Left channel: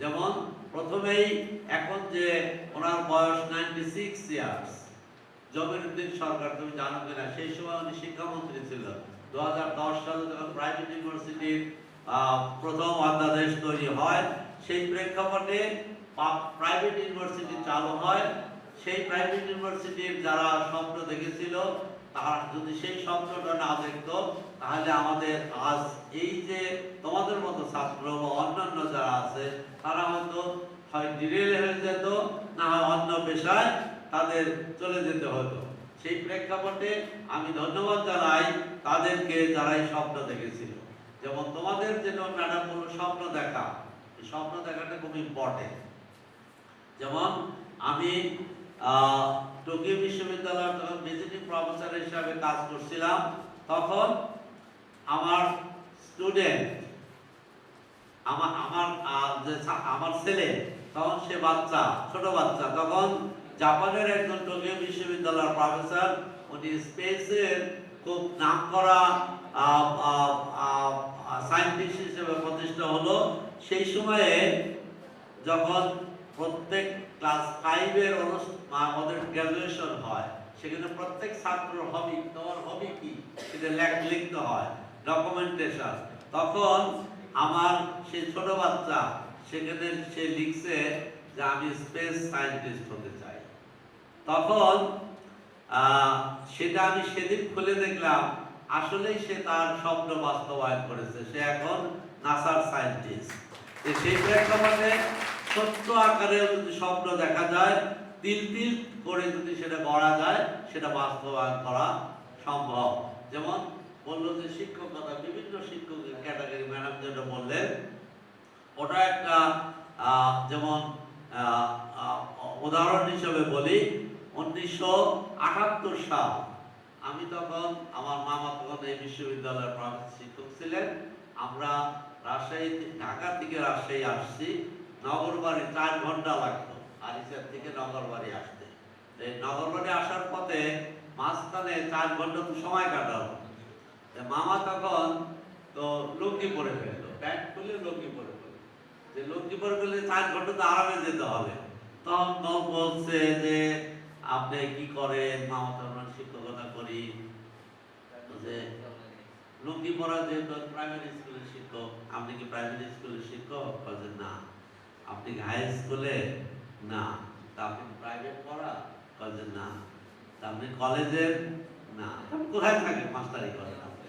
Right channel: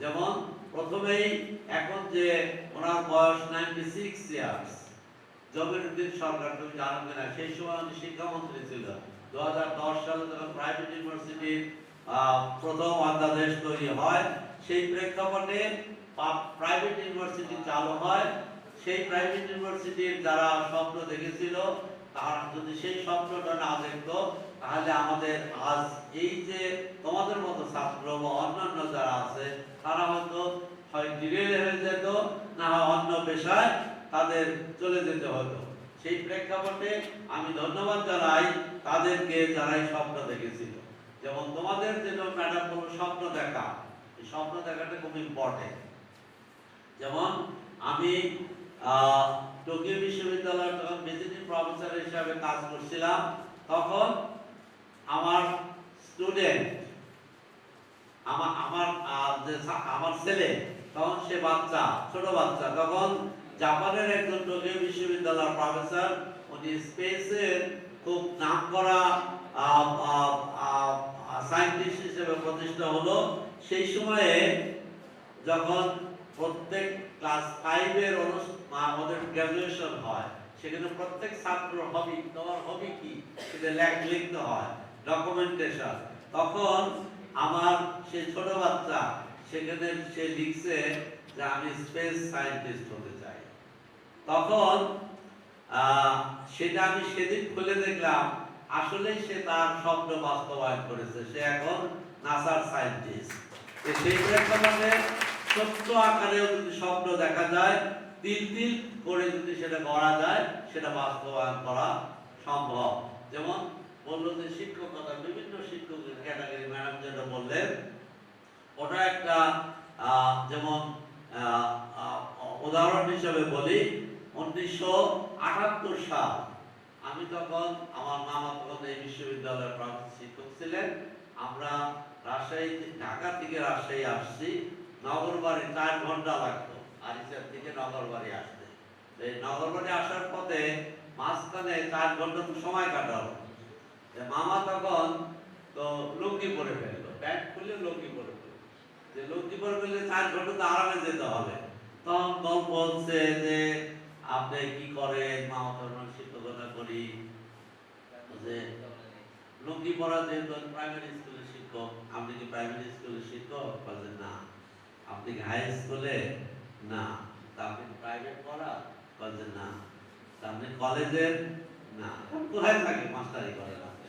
যেমন প্রথমেই এখন যে ওনার বয়স 96 ইয়ার্স, জমিরুদ্দিন সরকার, তুমি জানো কিনা, সেই সময় উনি শিক্ষামন্ত্রী ছিল। 2010 সালে যখন প্রাইভেট ইউনিভার্সিটির প্রথম অধ্যাদেশ তৈরি হয়, সেই প্রেক্ষাপটে প্রাইভেট ইউনিভার্সিটি চালু হয়। সেই প্রাইভেট ইউনিভার্সিটির যারা স্বপ্ন দেখেছিল, তারা যদি সেই স্বপ্নটা না দেখতো, তাহলে আমাদের আজ এই যে তোমাদের মতো ছাত্র বা অন্যান্য যারা আছে, তারা হয়তো হয় ডিরেল হয়ে যেত, না হয় অন্য পেশায় তাদের চলে যেতে হতো। সেই প্রেক্ষাপটে আমি ধন্যবাদ জানাই তাদেরকে যারা এই স্বপ্ন দেখেছিল। যেমন তোমাদের জন্য ম্যাডাম বলল স্বপ্ন দেখা, এই স্বপ্ন দেখাটা খুব ইম্পর্টেন্ট। যেমন আমি টোকিও বিশ্ববিদ্যালয়ে তখন ভিজিটিং প্রফেসর হিসাবে কাজ করছিলাম, তখন আমার স্টুডেন্ট, আমার ছেলে, তখন সে বাচ্চা, ছোট বাচ্চা, তখন জাপানের একজন টোকিও বিশ্ববিদ্যালয়ের প্রফেসর, উনি স্পেসের খুব নামকরা সায়েন্টিস্ট হিসেবে প্রতিষ্ঠা হলো। সেই সময়ে যখন প্রত্যেক ক্লাস 5 এর আমাদের গ্র্যাজুয়েশন হয়, সেখানে প্রত্যেক ছাত্র হবি, তোমার হবি কি সেটা লিখতে হয়, ডকুমেন্টেশন। তখন আমার সেই ছোট বাচ্চা সেখানে সে লিখছে যে আমি স্পেস সায়েন্টিস্ট হতে চাই। তখন সেটা আমি সেদিন খুলে দেখলাম আসলে সে তার স্বপ্ন বাস্তবায়ন করেছে, সে এখন নাসার সায়েন্টিস্ট। সেই প্রেক্ষাপটে ছোট্ট আকারে যদি স্বপ্ন দেখা যায়, তিল তিল করে যদি সেটা করা যায়, সেটা বাস্তবায়ন করা সম্ভব। যেমন বললো যে শিক্ষকতা, বিভিন্ন শিক্ষক ক্যাটাগরি ম্যাডাম যেটা বললেন, ওটা একটা যেমন উদাহরণ হিসেবে বলি, 1978 সাল, আমি তখন, আমার মামা তখন এই বিশ্ববিদ্যালয়ের প্রাক্তন শিক্ষক ছিলেন। আমরা রাজশাহী, ঢাকা থেকে রাজশাহী আসছি, নগরবাড়ি 4 ঘন্টা লাগতো আরিচার থেকে নগরবাড়ি আসতে। এই নগরবাড়ি আসার পথে মাঝখানে 4 ঘন্টা সময় কাটালো। মামা তখন তো লুঙ্গি পরে ফেললো, প্যান্ট খুলে লুঙ্গি পরে ফেললো, যে লুঙ্গি পরে ফেললে 4 ঘন্টা তো আরামে যেতে হবে। তখন বলছে যে আপনি কি করেন? মামা তখন শিক্ষকতা করি। যে লুঙ্গি পরা, যেহেতু প্রাইমারি স্কুলের শিক্ষক, আপনি কি প্রাইমারি স্কুলের শিক্ষক? বলছেন না। আপনি কি হাই স্কুলে? না। তা আপনি প্রাইভেট পড়া? বলছেন না। তা আপনি কলেজের? না। কোথায় থাকে মাস্টারি করেন আপনি?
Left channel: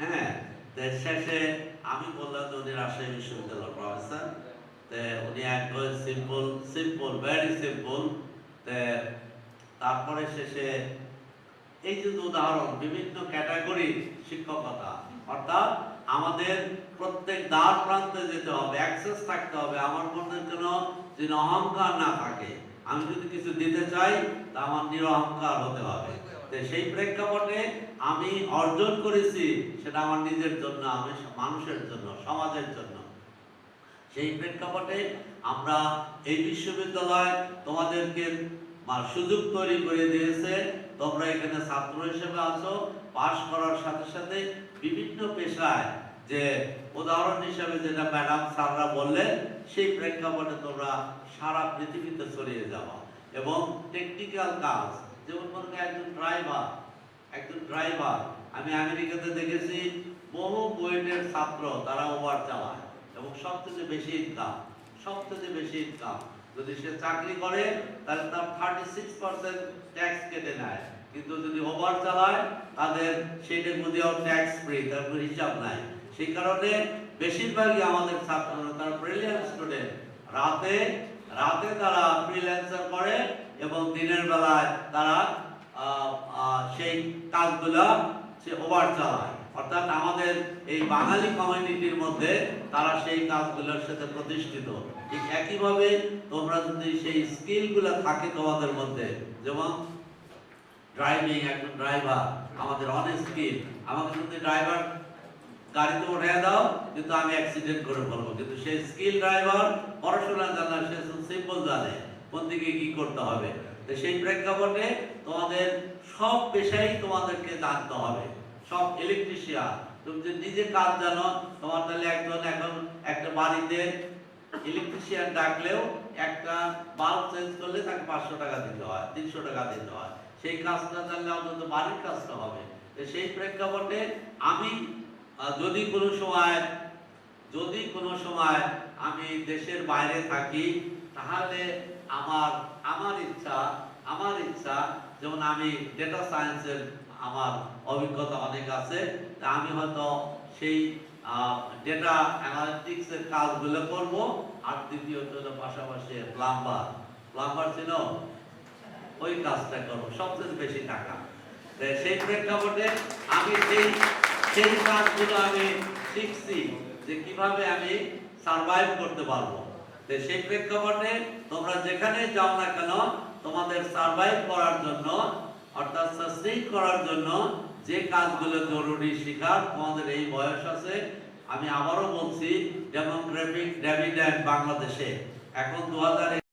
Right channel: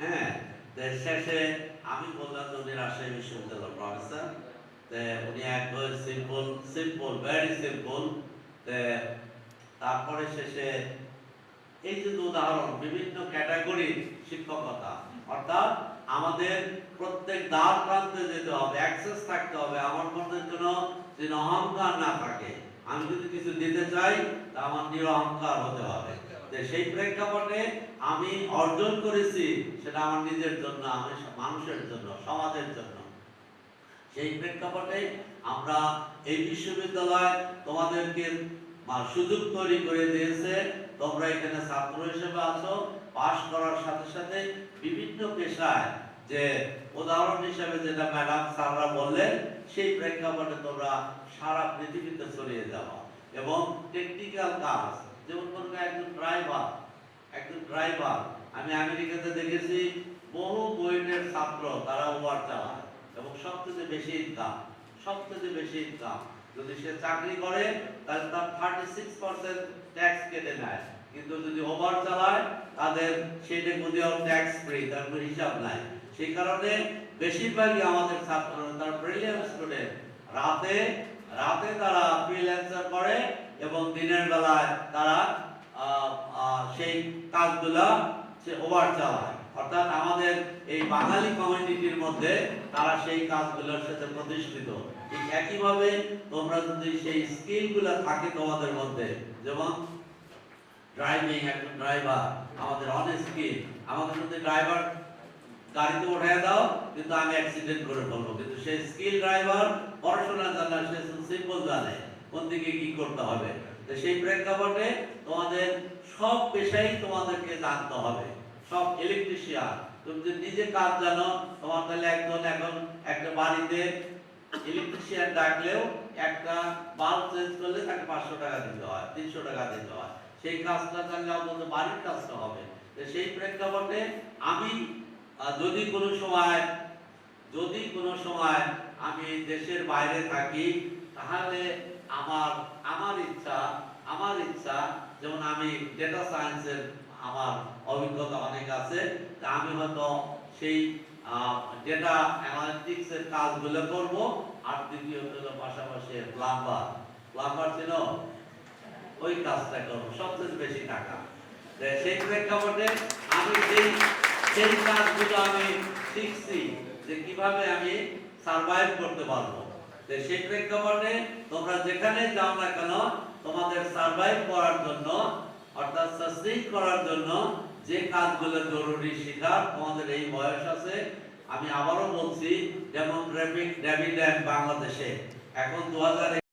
হ্যাঁ। শেষে আমি বললাম যে উনি রাজশাহী বিশ্ববিদ্যালয়ের প্রফেসর, উনি একবার সিম্পল ভেরি সিম্পল। তারপরে শেষে এই যে উদাহরণ, বিভিন্ন ক্যাটাগরির শিক্ষকতা, অর্থাৎ আমাদের প্রত্যেক দ্বার প্রান্তে যেতে হবে, অ্যাক্সেস থাকতে হবে। আমার মধ্যে যেন অহংকার না থাকে, আমি যদি কিছু দিতে চাই তা আমার নিরহংকার হতে হবে। সেই প্রেক্ষাপটে আমি অর্জন করেছি, সেটা আমার নিজের জন্য, আমি মানুষের জন্য, সমাজের জন্য। সেই প্রেক্ষাপটে আমরা এই বিশ্ববিদ্যালয় তোমাদেরকে সুযোগ তৈরি করে দিয়েছে। তোমরা এখানে ছাত্র হিসেবে আছো, পাশ করার সাথে সাথে বিভিন্ন পেশায়, যে উদাহরণ হিসেবে যেটা ম্যাডাম স্যাররা বললেন, সেই প্রেক্ষাপটে তোমরা সারা পৃথিবীতে ছড়িয়ে যাও। এবং টেকনিক্যাল কাজ, যেমন ধরুন একজন ড্রাইভার, আমি আমেরিকাতে দেখেছি বহু বুয়েটের ছাত্র, তারা ওভার চালায় এবং সবচেয়ে বেশি ইনকাম। যদি সে চাকরি করে তাহলে তার 36% ট্যাক্স কেটে নেয়, কিন্তু যদি ওভার চালায় তাদের সেটা বুঝেও ট্যাক্স ফ্রি, তার কোনো হিসাব নাই। সেই কারণে বেশিরভাগই আমাদের ছাত্র, তারা ব্রিলিয়ান্ট স্টুডেন্ট, রাতে তারা ফ্রিল্যান্সার করে এবং দিনের বেলায় তারা সেই কাজগুলা সে ওভার চালায়। অর্থাৎ আমাদের এই বাঙালি কমিউনিটির মধ্যে তারা সেই কাজগুলোর সাথে প্রতিষ্ঠিত। ঠিক একইভাবে তোমরা যদি সেই স্কিলগুলো থাকে তোমাদের মধ্যে, যেমন ড্রাইভিং, একজন ড্রাইভার আমাদের অনেক স্কিল, আমাকে যদি ড্রাইভার গাড়িতে উঠিয়ে দাও কিন্তু আমি অ্যাক্সিডেন্ট করে ফেলবো, কিন্তু সেই স্কিল ড্রাইভার পড়াশোনা জানা, সে সিম্পল জানে কোন দিকে কি করতে হবে। তো সেই প্রেক্ষাপটে তোমাদের সব পেশাই তোমাদেরকে জানতে হবে। সব ইলেকট্রিশিয়ান, তুমি যদি নিজে কাজ জানো, তোমার তাহলে এখন একটা বাড়িতে ইলেকট্রিশিয়ান ডাকলেও একটা বাল্ব চেঞ্জ করলে তাকে 500 টাকা দিতে হয়, 300 টাকা দিতে হয়। সেই কাজটা তাহলে অন্তত বাড়ির কাজটা হবে। তো সেই প্রেক্ষাপটে আমি যদি কোনো সময় আমি দেশের বাইরে থাকি, তাহলে আমার ইচ্ছা যেমন আমি ডেটা সায়েন্সের আমার অভিজ্ঞতা অনেক আছে, তা আমি হয়তো সেই ডেটা অ্যানালিটিক্স এর কাজগুলো করব। আর দ্বিতীয়ত হলো পাশাপাশি প্লাম্বার ছিল, ওই কাজটা করবো, সবচেয়ে বেশি টাকা। সেই প্রেক্ষাপটে আমি সেই কাজগুলো আমি শিখছি যে কিভাবে আমি সার্ভাইভ করতে পারবো। সেই প্রেক্ষাপটে তোমরা যেখানে যাও না কেন, তোমাদের সার্ভাইভ করার জন্য, অর্থাৎ সাস্টেইন করার জন্য যে কাজগুলো জরুরি শেখার, তোমাদের এই বয়স আছে। আমি আবারও বলছি, যেমন ডেভিড বাংলাদেশে এখন 2000